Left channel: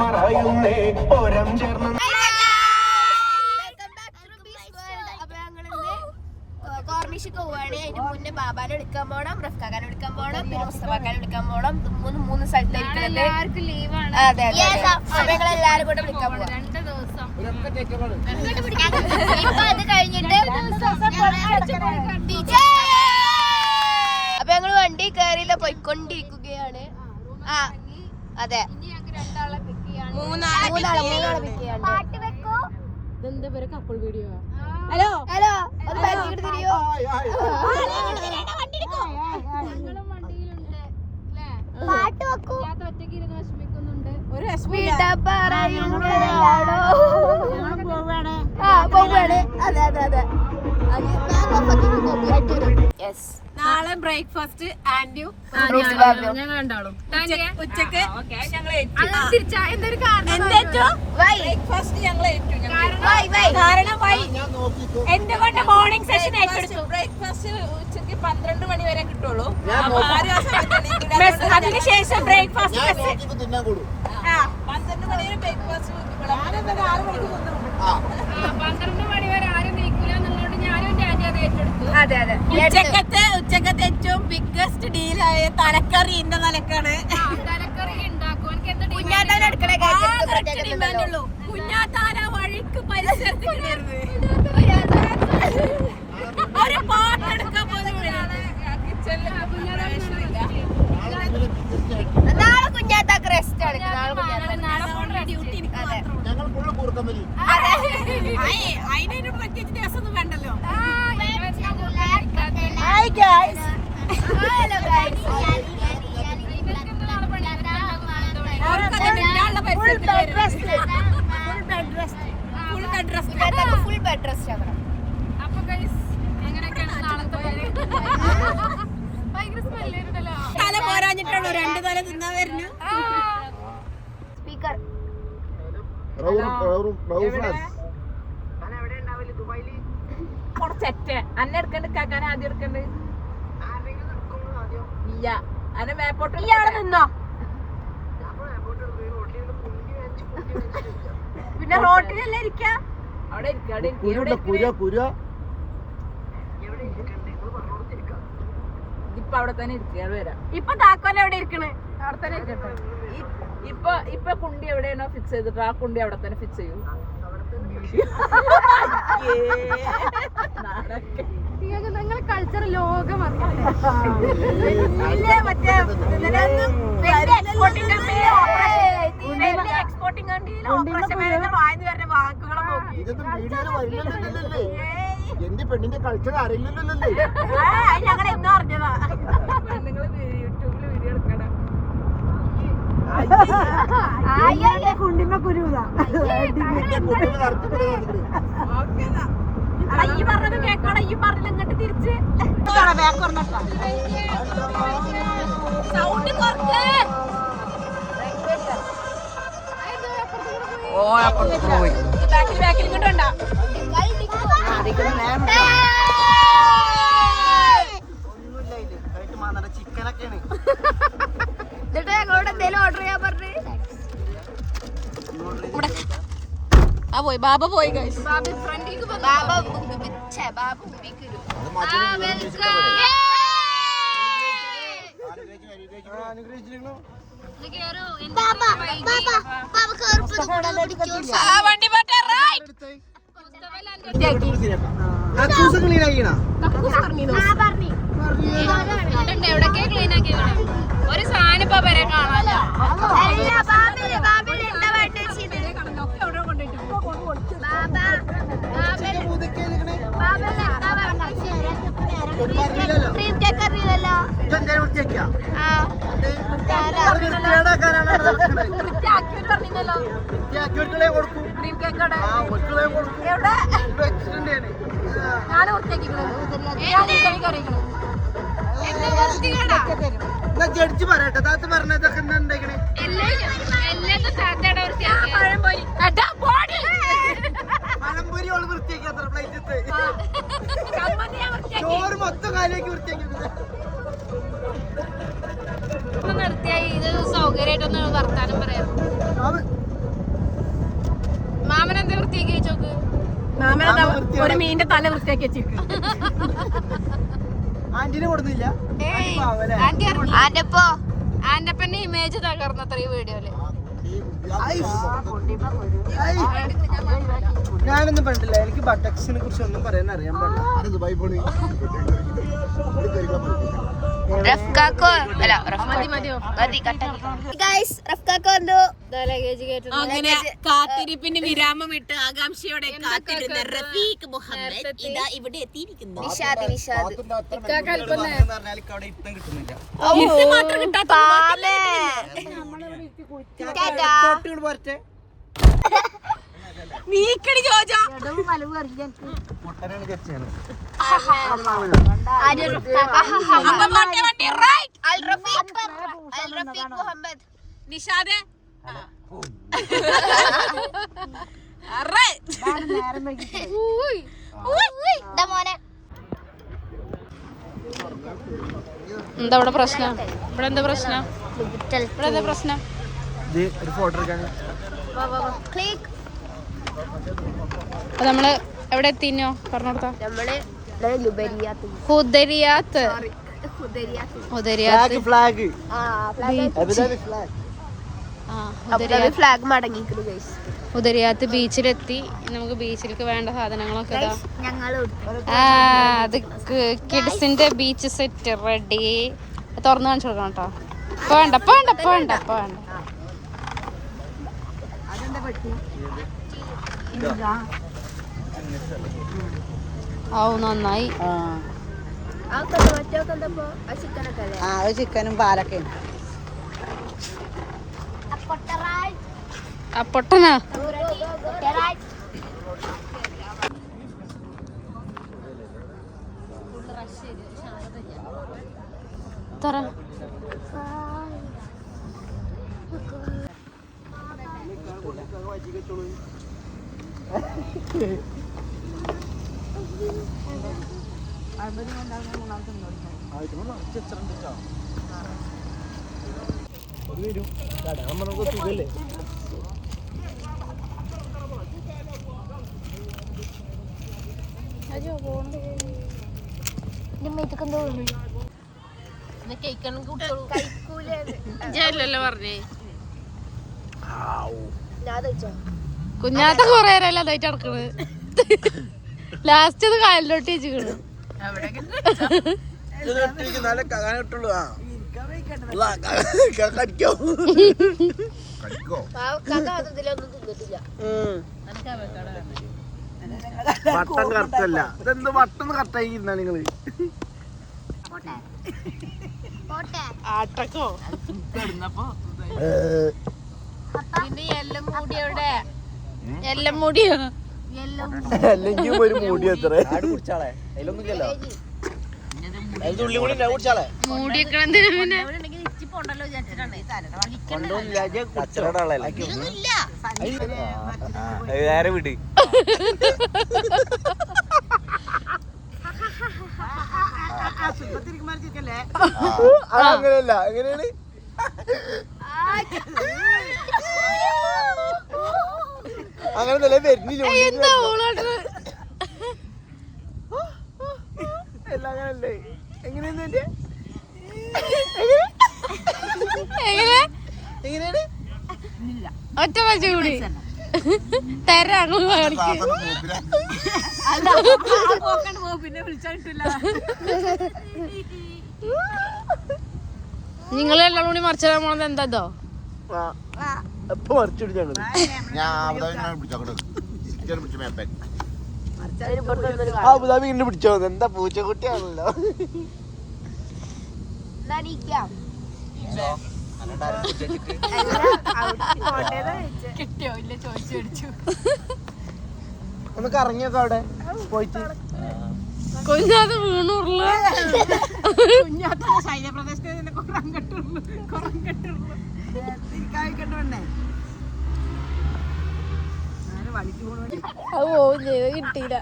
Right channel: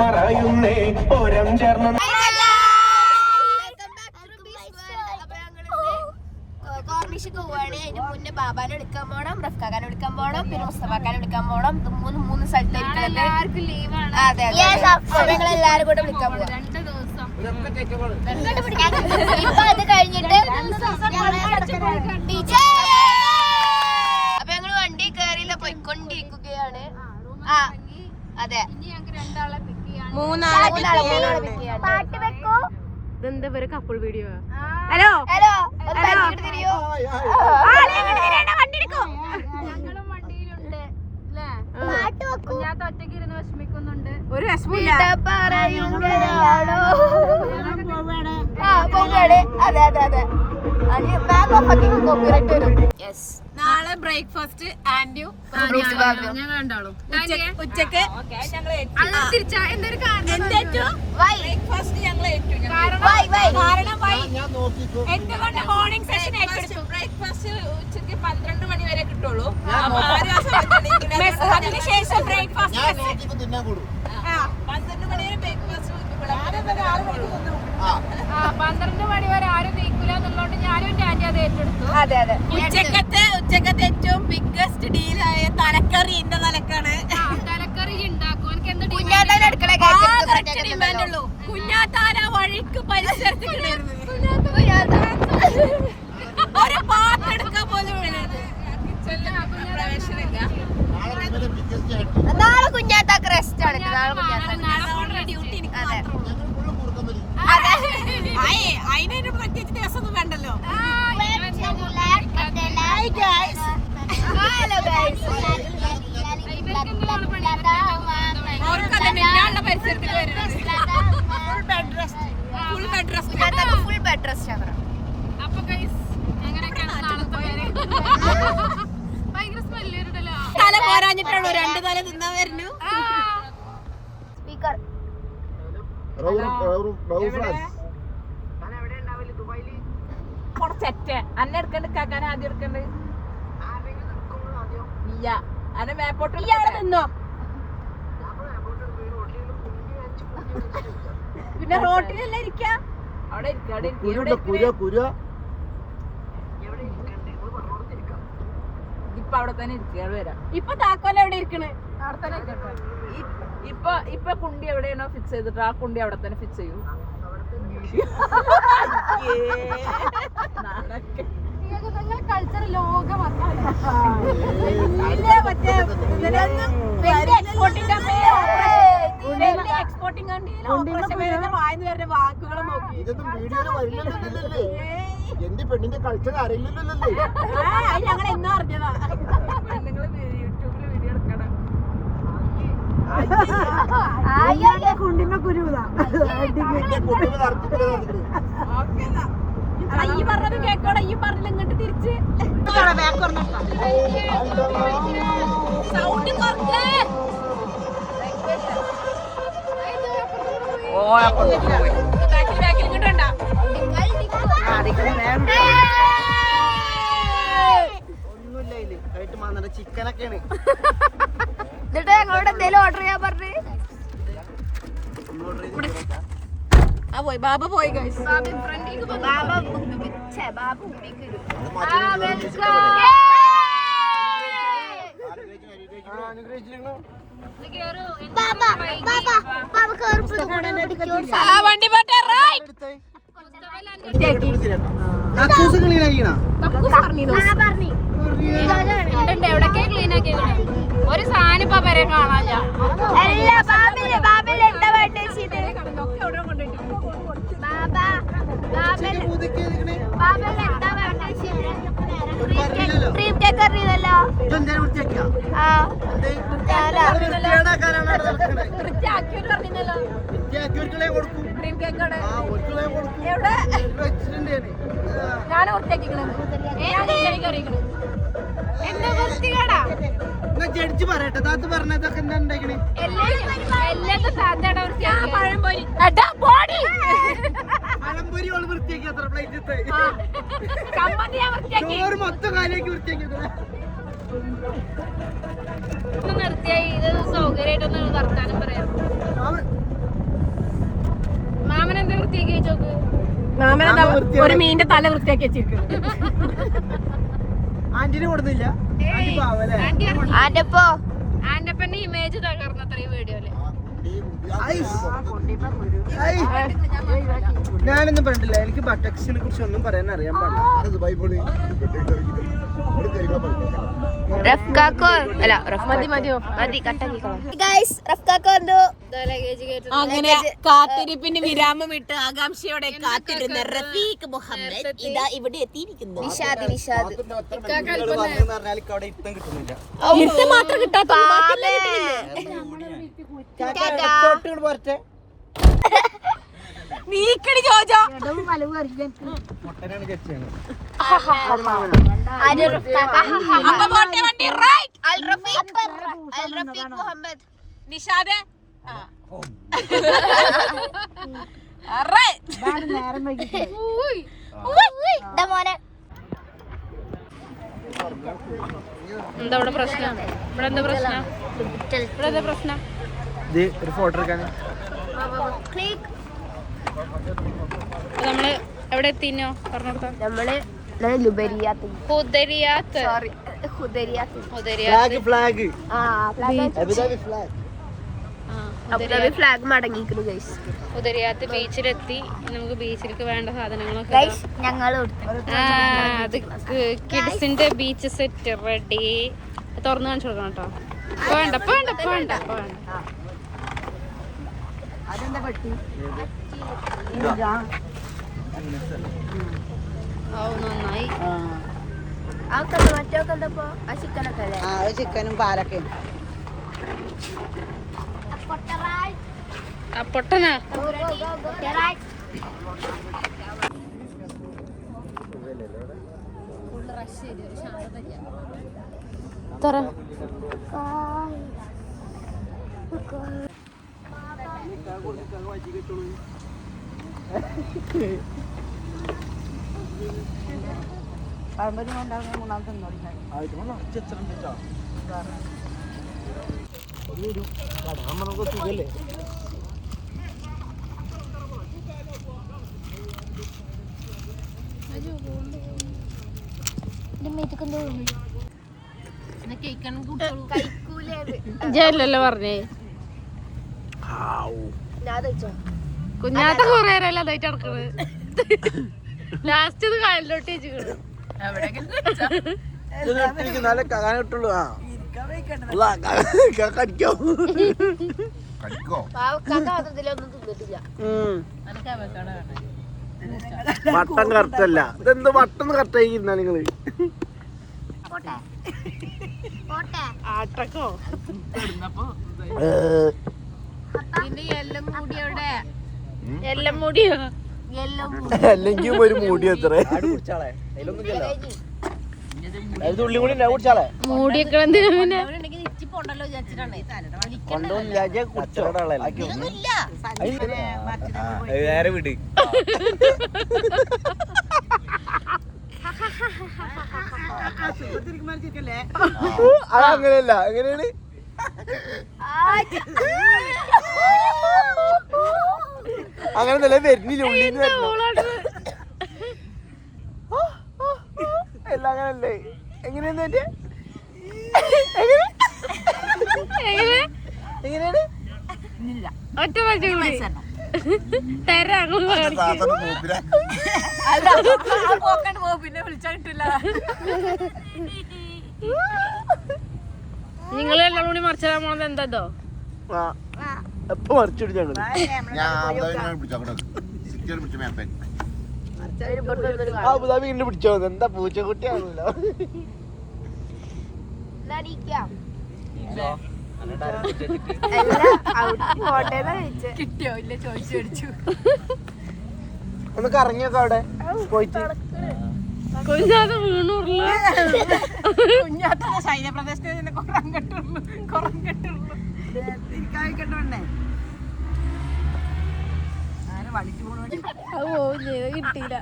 മറയുന്നേ ഓരം ചേർന്ന് കോർണിഷൊക്കെ പോവാണ്. അതിന് മുന്നേ ബാബാനെ എടുക്കാൻ പോകണം, റഫ്കാനെ എടുക്കാൻ പോകണം, പിന്നെ മുസ്തഫാക്കാനെ എടുക്കാൻ പോകണം. മൂന്ന് സ്ഥലത്ത് അതെ അതെ ഞങ്ങൾ എല്ലാരും കൂടെ വിളിക്കാൻ പോകാം. ഇപ്പൊ അത് കഴിഞ്ഞിട്ട് അപ്പൊ ഞങ്ങള് വണ്ടി കയറിയില്ല, പോയിക്കൊണ്ടിരിക്കുകയാണ്. ആ അതെ, മൂന്നാളെ പിക്ക് ചെയ്യാണ്. പാട്ട് വെക്കൂ. ഇതെന്താ പേര് കപ്പിൾ വീഡിയോ? ഹലോ ഹലോ പാട്ട് വെക്കൂ. ഒരു അതെ അതെ അതെ. നാളെ ബ്രേക്ക്ഫാസ്റ്റ് ആൻഡ്യൂ ഞങ്ങൾ രണ്ടാളും ഉച്ചക്ക് ബ്രേക്ക്ഫാസ്റ്റ് ഞങ്ങൾ എന്തുകൊണ്ട് മോർണിംഗ് സെഷൻ ബ്രേക്ക്ഫാസ്റ്റ് ഉച്ചക്ക് 12 മണി വരെ കിട്ടുള്ളൂ. അതിനുശേഷം ബ്രേക്ക്ഫാസ്റ്റ് 12 മണി വരെ ബ്രേക്ക്ഫാസ്റ്റ് 12 മണി വരെ ആരും നീക്കില്ല എന്നുള്ളതുകൊണ്ട് ഞാനും ആന്റി അത് ഏറ്റെടുത്തു. അതെ അതെ. ഉച്ചക്കത്തെ ഏറ്റവും ബിഗ്ഗസ്റ്റ് ഡീലായ തലക്കറി ഇന്ന തലക്കാണ്. തലക്കറി ഉണ്ടാക്കും. എനിക്ക് എന്താ കുഞ്ഞാത്താര വഴിക്ക് പരിസരത്ത് ഒരു പാട്ടെടുക്കാൻ പോലും പ്രവേശനമില്ല. നാളെ കുഞ്ഞാത്താക്ക് റെസ്റ്റ് ആണ്. നാളെ ഡ്യൂട്ടി. അതെ, അതിനൊരു പ്രത്യേകിച്ച് ദിവസമൊന്നും വേണ്ടല്ലോ. ഫുൾ ബെഡ് റെസ്റ്റ് ആണ്. അപ്പൊ അങ്ങനെയൊക്കെയാണ് നാളത്തെ കാര്യം. ഭയങ്കര സ്മെല്ലുണ്ടല്ലോ. തല പോരാഞ്ഞിട്ടുള്ളൂ, 2 തല തിന്നാൻ വരുന്നു. സ്പീക്കർ കുറച്ചെറ്റ് അന്നെ എടുക്കണ്ട്, കാക്കാൻ ആദ്യം എടുക്കണ്ട്. ഇല്ല അന്നെ മേപ്പോട്ട് നിന്നോ. പിന്നെ റോട്ടിലല്ലേ ഇരിക്ക, അവിടെ ഇപ്പൊ അവിടെ തന്നെ ഇരിക്കുക. വരാം. ഇപ്പൊ താക്കോൽ എവിടെ ഇരിക്കണേ? അവിടെ തന്നെ. ഇപ്പൊ കുണ്ടി എവിടെയാണോ ഫിക്സ് ചെയ്തിട്ട് ആ കുണ്ടി അവിടെ തന്നെ ഫിക്സ് ചെയ്യൂ. നിങ്ങളെ കൾച്ചർ ലോകം എക്സ്പോർട്ടിംഗ് കണ്ടിയിൽ ഓപ്പറേഷൻ വായന്ന് വരുന്ന വാക്കുകളെ നോക്കി എന്റെ പെണ്ണിന്റെ കൾച്ചർ അറിയില്ലല്ലോ. ഞങ്ങൾ എന്നും അറിഞ്ഞതാ. പെണ്ണുങ്ങള് യൂട്യൂബില് വീഡിയോ എടുക്കണം. കുണ്ടിമ കുരുതാ ഈ പറഞ്ഞത് കേക്കോടെ, ഈ പറഞ്ഞില്ല ഇങ്ങോട്ട് തിരിച്ച് സൗണ്ട് കുറച്ച്. ബാക്കിൽ ഇങ്ങോട്ട് ഉണ്ടോ? ഒന്നുമില്ല ഇതില് കഴിട്ട് മാന്നണ്ട ചിക്കനൊക്കെയാണ്. ഞങ്ങളോട് എന്തെങ്കിലും ഓർഡർ ചെയ്യാൻ പറഞ്ഞു. പോയി ബാബ പോയി. വണ്ടി പോട്ടെ. എവിടൊക്കെ ക്ലീൻ ആക്കി ഒരു സാധനം ഇപ്പൊ വരെ കാണാനില്ല. ഞാൻ ജഡ്ജി പറയട്ടെ, താത്ത് പറഞ്ഞതൊക്കെ എന്താ ഉണ്ടാക്കണേ? പഴംപൊരി ഓള് വൃത്തിയാക്കി അത്ര പ്ലേറ്റ് ചോറ് മൊത്തം കാലേക്ക് വൃത്തിയാക്കി. നിർത്തിയായി ഇത് സൗകര്യമായിട്ടൊന്ന് വർത്താനം പറയാം. ഒരു മീനിന്റെ തല വൃത്തിയാക്കി വെച്ചിരിക്കുന്നു. ആന്റിനെ കൊടുന്നില്ല. ആന്റപ്പന്റെ ഇമേജ് തകർന്നത്ര ഈ വീഡിയോയില്. ഞാനൊന്നും പറഞ്ഞില്ല. എനിക്ക് ബട്ടക്സിനെ കുറിച്ച് ഒന്നും പറയാൻ അറിയാൻ പാടില്ല. അങ്ങനെ കാത്തിരിപ്പിന്റെ വിരാമം ഇട്ട് ആകാംക്ഷയോടെ കാത്തിരുന്ന റഫീഖ് മുഹമ്മദ് ഇതാ ഇവിടെ എത്തിയിരിക്കുന്നു. നിഷാദ് പറഞ്ഞാൽ അവിടെ ഇപ്പം കിട്ടുന്നില്ല. പോരട്ടെ പൊട്ടനാണ് ചർച്ചയാണ്. നിഷാദ് എന്താ ഇവിടെ പ്രശ്നം? ഇവിടെ എന്താ പ്രശ്നം? ഇവിടെ എന്താ പ്രശ്നം? ഇത് ഒരു ഫോട്ടോ എടുക്കാണ്. നമ്മള് എവിടെ എത്തിനോ പറഞ്ഞോടുത്ത? ഉദരിയാത്ത് ബീച്ചിലെത്തി. നമുക്ക് ബീച്ചിലേക്ക് വേണ്ട സാധനങ്ങളൊക്കെ അത് കിഡ്സിന്റെ ബീച്ച് സെറ്റ് റെഡി. തുറന്നു കാണിച്ചു കൊടുക്കണം കേട്ടോ. വേണ്ട വേണ്ട വേണ്ട വേണ്ട. നന്നായി. ചിക്കനും പാലൊക്കെ പൊട്ടനാ തറ സുഖല്ലേ? ജയിലല്ലേ പറഞ്ഞേ? കുഞ്ഞാത്ത കൊറേ നേരമല്ല അതായിട്ട് നടക്കണത്. ലാസ്റ്റ് ഇത് കാലിലോട്ട് വെച്ചിക്കണ്. വട്ടം കറക്റ്റല്ല. ഇതെന്ത് വട്ടം കറക്റ്റായിരിക്കുന്ന നിങ്ങള്? ആട്ടക്കോ എല്ലാം മൂടിയോ? അല്ലെങ്കിൽ ഒരു മൂടി എത്ര മൂടിയൊക്കെ വേറെ വിട്. അങ്ങനെയല്ല. അങ്ങനെയാണ്. അങ്ങനെ നല്ല വരുന്നില്ല. എല്ലാം അങ്ങനല്ലേ? എങ്ങനെയാ ഒറ്റ കൂടി തരാം. നിങ്ങളെല്ലാം കൂടി മറിച്ചിടാൻ പോണത് എന്താ? വീണ്ടും പിടിച്ചോ. എന്താ പൂച്ചക്കുട്ടിയാണല്ലോ. കിട്ടിയോ ഇല്ല ചോദിച്ചു മേടിച്ചു. ഒന്ന് കറങ്ങിയൊക്കെ അവിടെ പോയിട്ട് കുഞ്ഞാത്ത വീണൂറുള്ള ശൈലപ്രദേശത്ത് കിട്ടിയില്ല.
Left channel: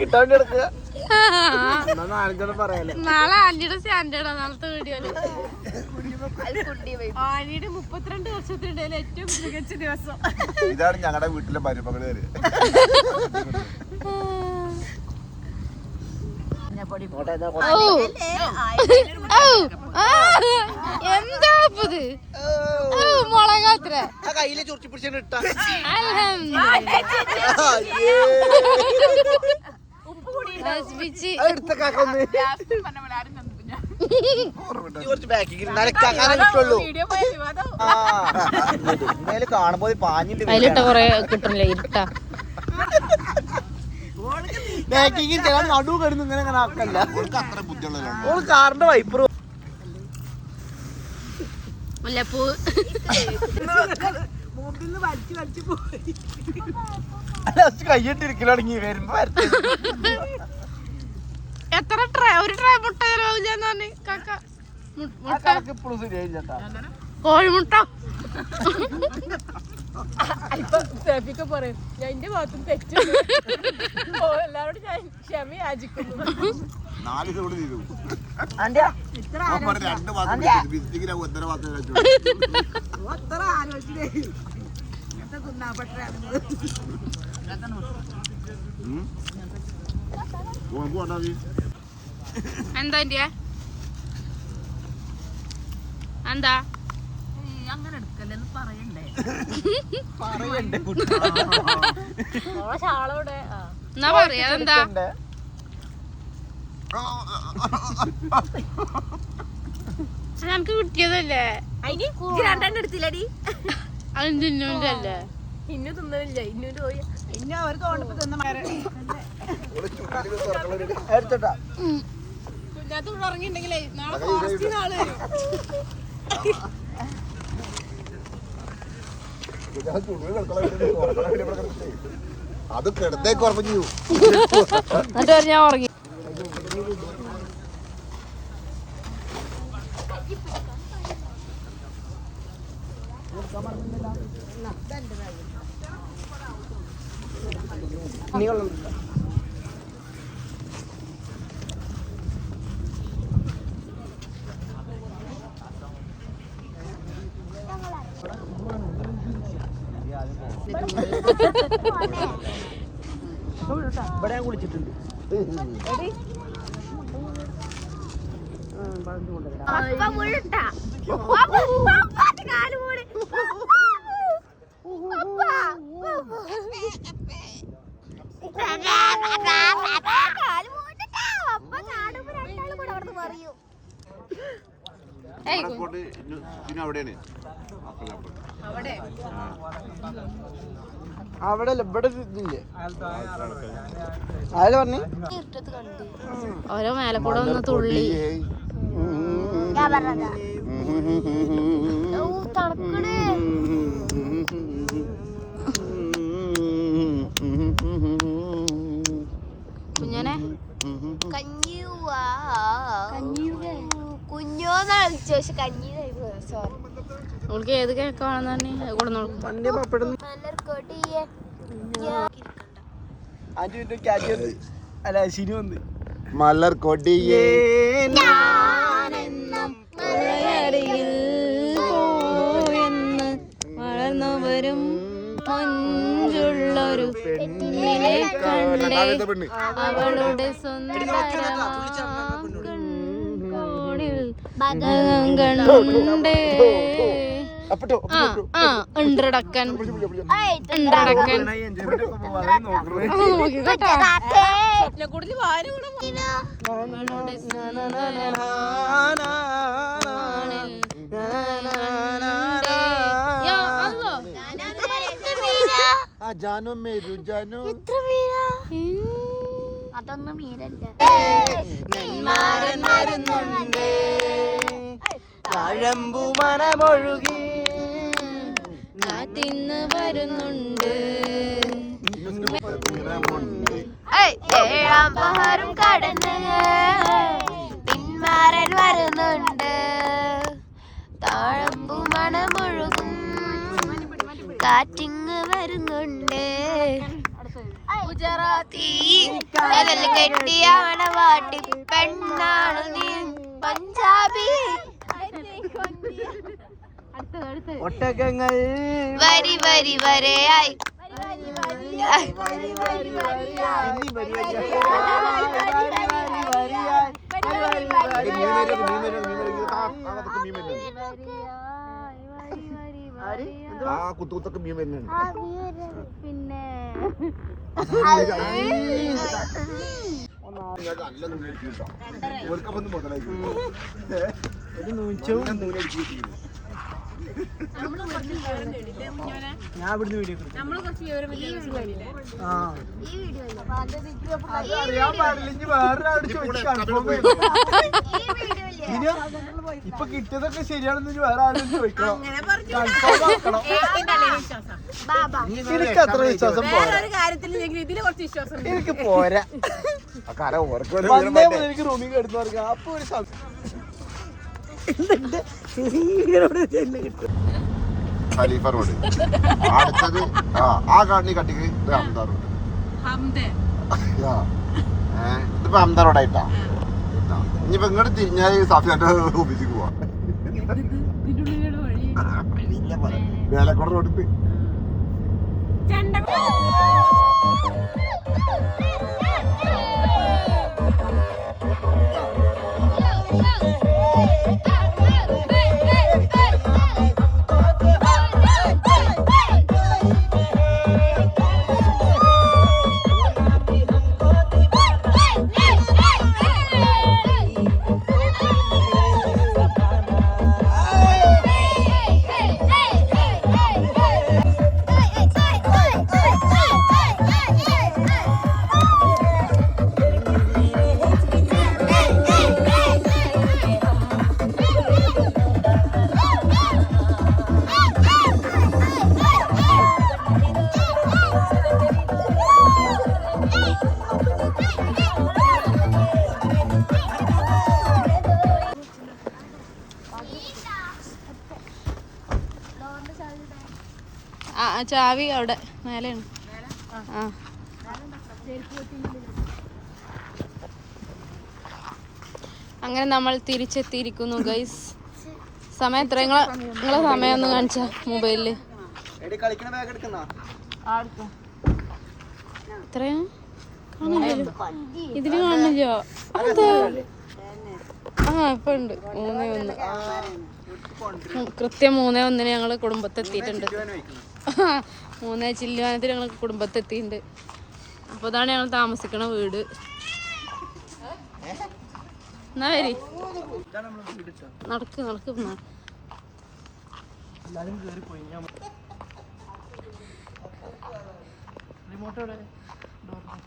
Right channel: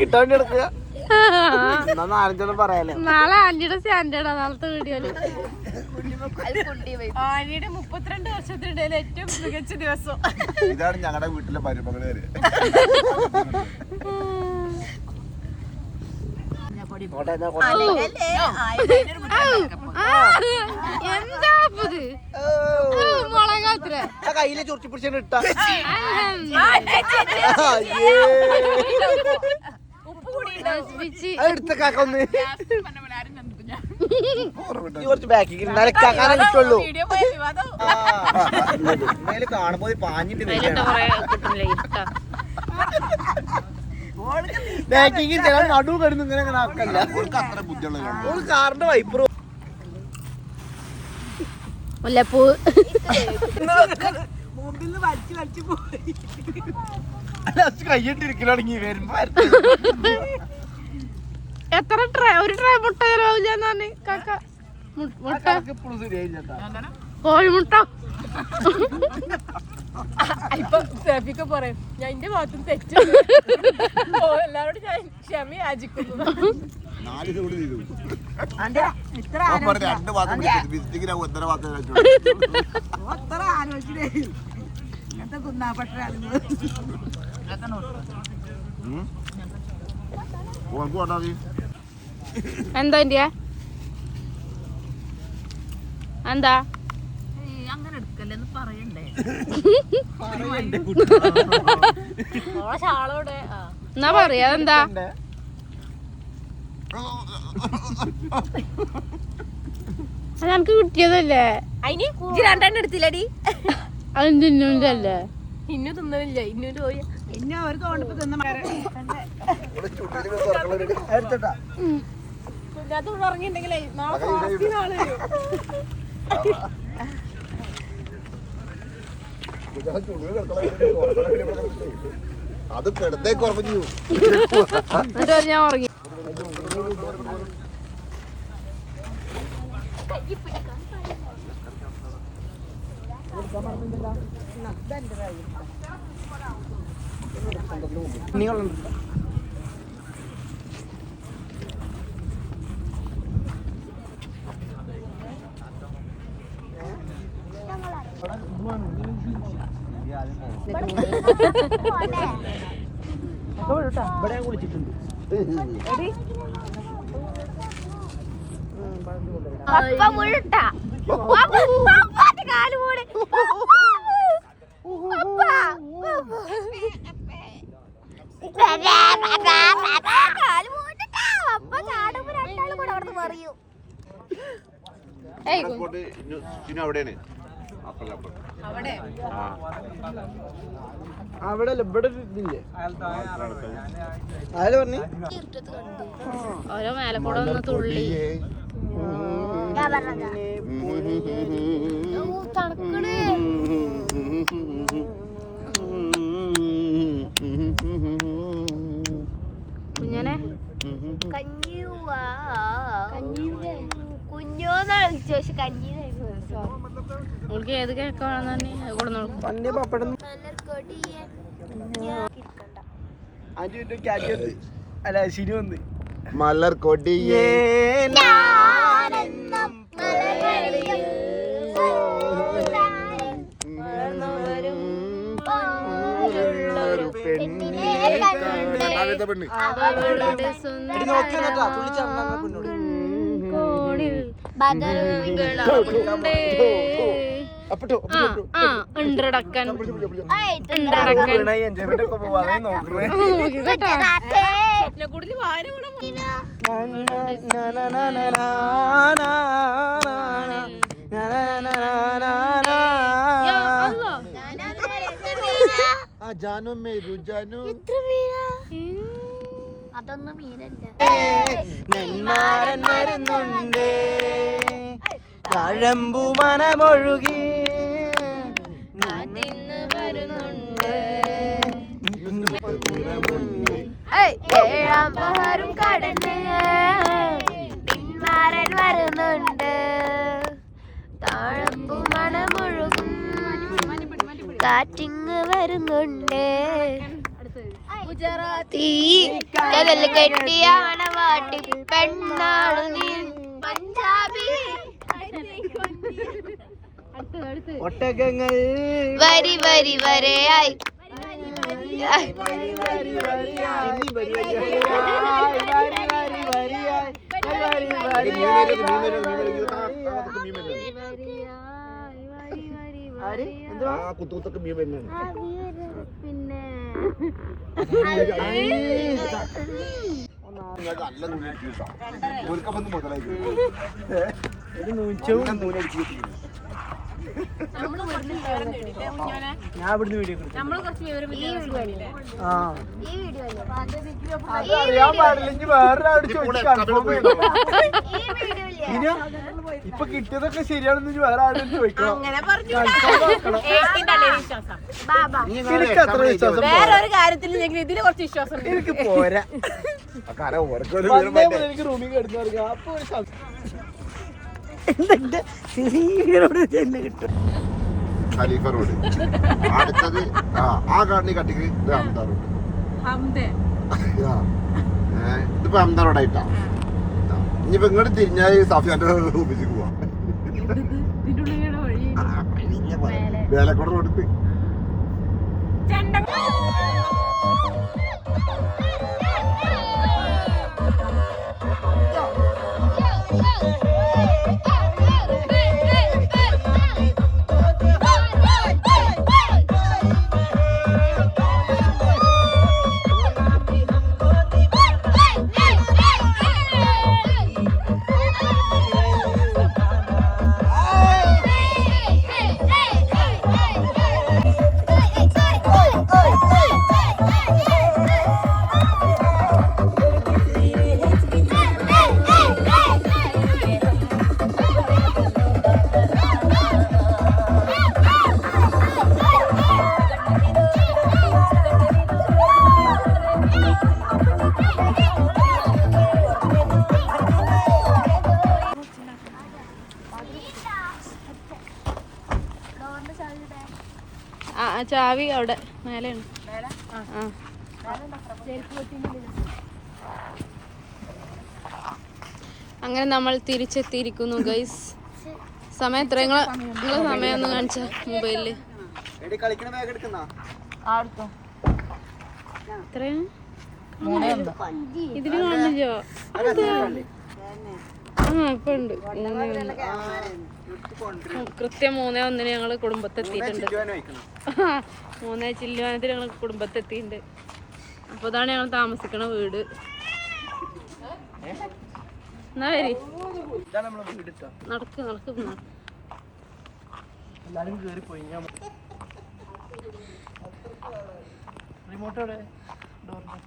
കിട്ടാൻ നാലഞ്ചെണ്ണം പറയാലേ. നാളെ ആന്റിയുടെ സ്റ്റാൻഡേർഡാ നാളത്തെ വീഡിയോയില്. ആനിയുടെ 32 വർഷത്തിനിടയിൽ ഏറ്റവും മികച്ച ദിവസം. ഇതാണ് ഞങ്ങളുടെ വീട്ടിലെ മരുമകള് വരെ. എന്താ മുളകാത്ര കയ്യില് ചൊറിച്ചു പിടിച്ചു ഇട്ടാ കുറച്ച് ബാക്കി കിട്ടുള്ളൂ. കാണുമ്പോ പാഞ്ഞിട്ട് നടുവ് കിടന്നു ഇങ്ങനെ അങ്ങനെ ആക്കല്ല. അത്ര ബുദ്ധിയുള്ള കാറിന്റെ വൈപ്പർ മുല്ലപ്പൂ കയ്യിട്ടിരിക്കലാണെങ്കിൽ വരുമ്പോ എത്ര ട്രേ ഒരു ട്രേ മുട്ട ചെലവാവില്ല കാക്ക. മുട്ട ഇപ്പോഴും ശരിയായില്ല. കോഴിമുട്ട പറയും ഞാൻ എന്റെ ഭാഗത്തും തെറ്റ് എല്ലാവരോടും ഞാൻ ക്ഷമ യാചിക്കുന്നു. 4 ദിവസം കൂടി തീരും. 2 മാസം വിസിറ്റിങ്ങിന് 1.5 മാസം കഴിച്ചു. എന്താ എന്താ അങ്ങനെ എടുക്കല്ലെന്ന് പറയണ്ടേ? എന്നാ പറയാ എന്താ നമുക്ക് കിട്ടിയതല്ലേ? അതിന് 2 എടുത്തില്ലടി. അതും തിന്നില്ലേ? ഇന്നു തിന്നില്ല. ഇന്നു പോയി ഇന്ന അവർ തോന്നിപ്പോ തിന്ന കുഞ്ഞാത്ത് പറഞ്ഞിട്ടുണ്ടെങ്കിലേ നാളെ ഫോറസ്റ്റിന് ആള് വരും. അത് കിടന്നേക്ക് ഉറപ്പിച്ചു. ഞാൻ ഉറങ്ങി. ഇവിടെ കുളിച്ചിട്ടുണ്ട്. അവിടെയാണ് അവിടെ ഇവിടെ ഇതില്ലേ ആര് പറഞ്ഞു? ഓരോ മേലെ കൂടെ ഒന്ന് തുള്ളി കുഞ്ഞനെ കുഞ്ഞോന്ന് വിളിച്ചു. പക്ഷെ കഞ്ഞി സോറി അവൾക്ക് ഏത് കേൾക്കാണെന്ന് തന്നെ കൂടെ നോക്കും. പണ്ടേ പപ്പടം അല്ല ശരി വന്ന് മലർ കൊടിയേ പെണ്ണ് അവളുടെ കോണിൽ ഉണ്ടടക്കൻ അതൊന്നും മീനല്ല. തഴമ്പു മനമൊഴുകി കാറ്റിന്ന് വരുന്നുണ്ട്. ഏഴാം പഹാരും കടന്ന് പിന്മാരൻ വരുന്നുണ്ട്. താഴമ്പു മണമൊഴുകും കാറ്റിങ് വരുന്നുണ്ട്. തീ കടൽ കെട്ടിയ മണവാട്ടി പെണ്ണാളു നീ പഞ്ചാബി ഒട്ടകങ്ങൾ വരി വരി വരയായി കുത്തുകുത്തൊക്കെ മീൻ വരുന്നുണ്ട്. നല്ല നൂലടിച്ചു ഓർക്കപ്പൊന്നും മുതലായി ഞാൻ ഇവിടുന്ന് വീഡിയോ അറിയാൻ പാടില്ലെങ്കിൽ വേറൊരാളോട് ചോദിച്ചു കൺഫേം ചെയ്യണം. ഇപ്പൊ കിട്ടിയതൊക്കെ ശരിയാണെന്ന് വേറെ ആരും ചോദിക്കണം. എനിക്ക് അത്ര വിശ്വാസം പോരാ. എനിക്ക് പോരാ. എനിക്ക് റൂമിൽ കിടന്നു പറയാം. അപ്പൊ ഒരു ഖലീഫ റോഡ് അടുത്തത് ആ കാണി കട്ടിക്ക് ഹംദ റോഡ്. ഇതിപ്പോ ഹംദ റോഡായിട്ടാ. ഇനിയിപ്പോ ഇങ്ങോട്ട് തിരിഞ്ഞാൽ സഫിയാന്റെ ഓഫീസിക്ക് പോവാം. വേലക്കോട് റോഡ് ചാവി അവിടെ മേലെയാണ്. അങ്ങനെ നമ്മൾ തിരിച്ചെത്തിയിരിക്കുന്നു ഗൈസ്. സമയം എത്ര? നിങ്ങളെ സമയം ഒന്ന് കാണിച്ച മൊബൈലില് എത്രയാ? ഇതില് കാണില്ലോ? ഇപ്പൊ ഉണ്ട് 3:01. കൃത്യം 3:01 ഞങ്ങള് കുടുംബത്തെത്തിയിട്ടുണ്ട്. 3 ചില്ലുവാനത്തിൽ ഞങ്ങൾ കുടുംബത്തെത്തിയിട്ടുണ്ട്. അപ്പൊ ഇതാണ് ഞങ്ങൾ താമസിക്കണ വീട്. എന്നാ വരി നടക്ക് എല്ലാരും കേറിപ്പോയി. റിമോട്ടോടെ